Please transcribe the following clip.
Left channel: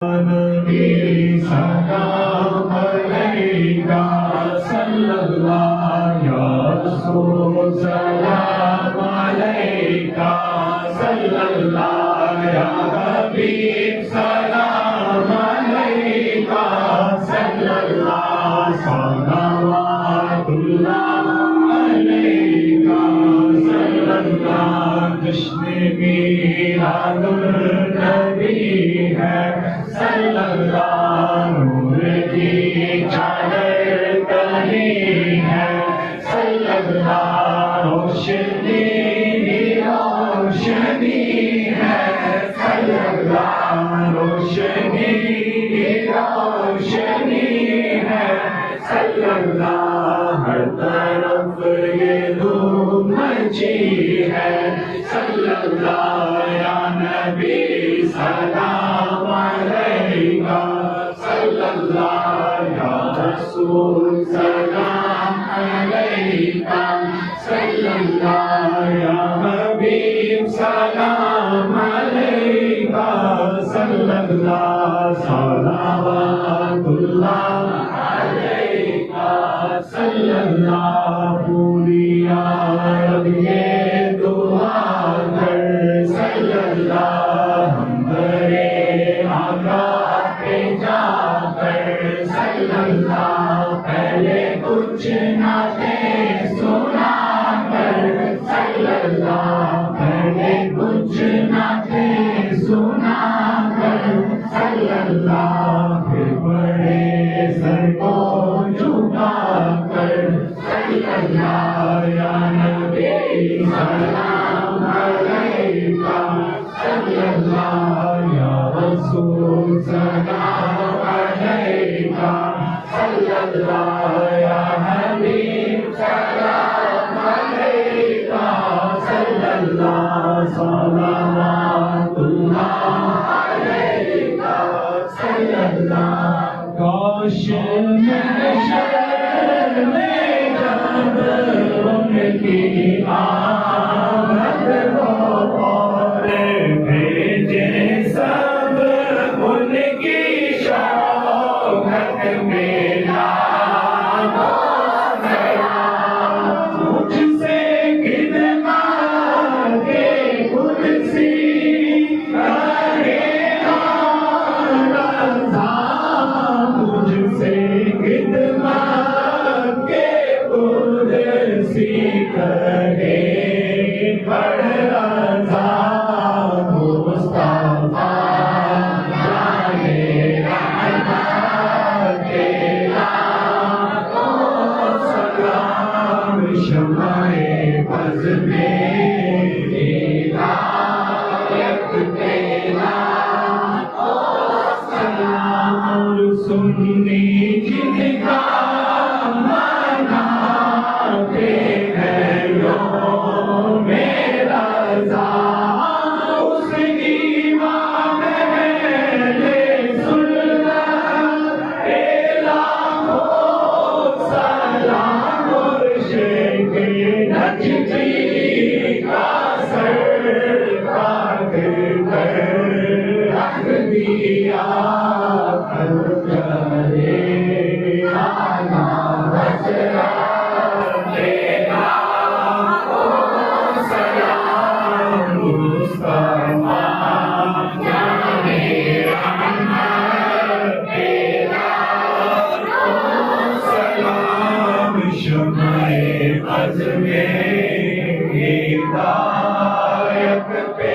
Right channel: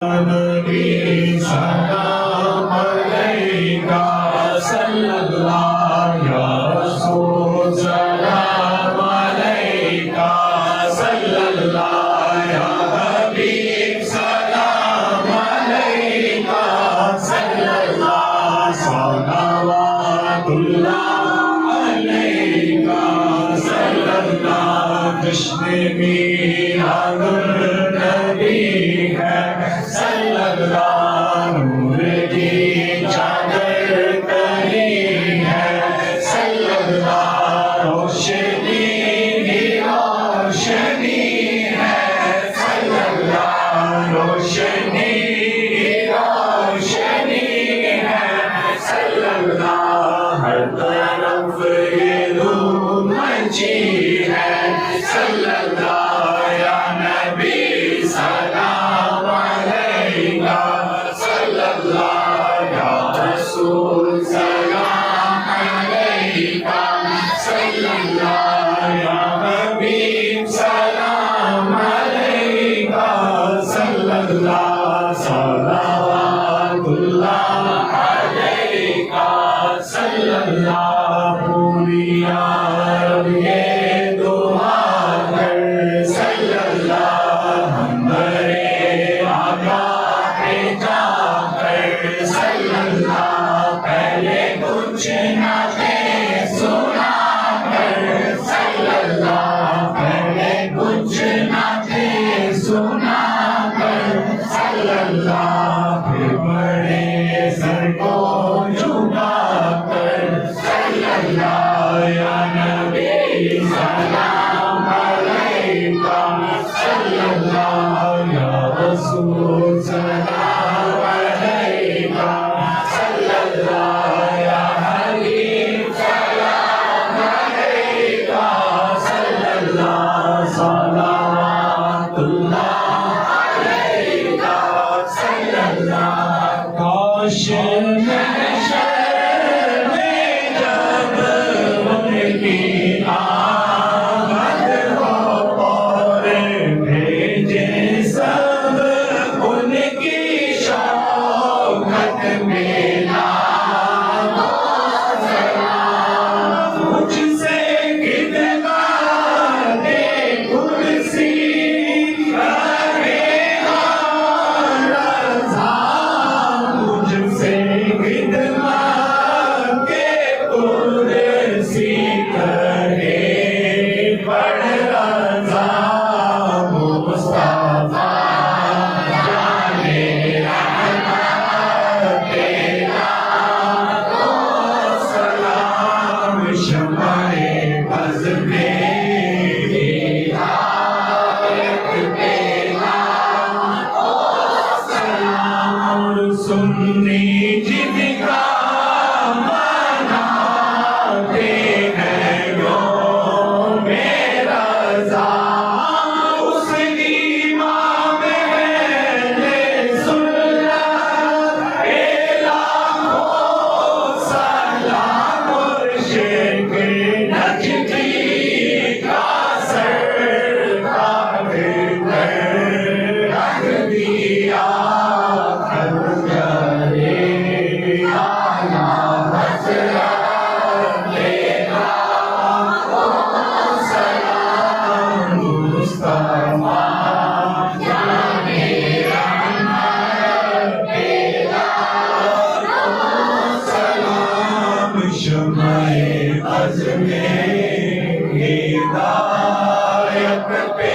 नबी सलाम अलैका सल्लल्लाहु या रसूल सलाम अलैका सल्लल्लाहु या हबीब सलाम अलैका सल्लल्लाहु सलावतुल्लाह अलैका सल्लल्लाहु कृष्ण मीरादुल नबी है सल्लल्लाहु नूर की चादर तनी है सल्लल्लाहु रोशनी की रोशनी है सल्लल्लाहु रोशनी की रोशनी है सल्लल्लाहु हर तरफ ये धूम मची है सल्लल्लाहु या नबी सलाम अलैका सल्लल्लाहु या रसूल सलाम अलैका सल्लल्लाहु या हबीब सलाम अलैका सल्लल्लाहु सलावतुल्लाह अलैका सल्लल्लाहु पूरी अरब ये दुआ कर सल्लल्लाहु हमदरे आका पे जाकर सल्लल्लाहु पहले कुछ ना थे सुना कर सल्लल्लाहु पहले कुछ ना थे सुना कर सल्लल्लाहु फिर बड़े सर को झुका कर सल्लल्लाहु या नबी सलाम अलैका सल्लल्लाहु या रसूल सलाम अलैका सल्लल्लाहु या हबीब सलाम अलैका सल्लल्लाहु सलावतुल्लाह अलैका सल्लल्लाहु काश महशर में जब उनकी आमद हो और भेजे सब उनकी शौकत में लाखों सलाम मुझसे खिदमत-ए कुर्सी करे रज़ा मुझसे खिदमत के कुर्सी करे बड़ रज़ा मुस्तफा जाने रहमत के लाखों सलाम शम्ए बज़ में हिदायत पे लाखों सलाम सुन्नी जिनका मनाते हैं योमे रज़ा उस इमाम अहले सुन्नत के लाखों सलाम मुर्शिद नजदी का सरकार पर रख दिया करे आला हज़रत तेरा सलाम मुस्तफा जाने रहमत तेरा सलाम शम्ए बज़ में हिदायत पे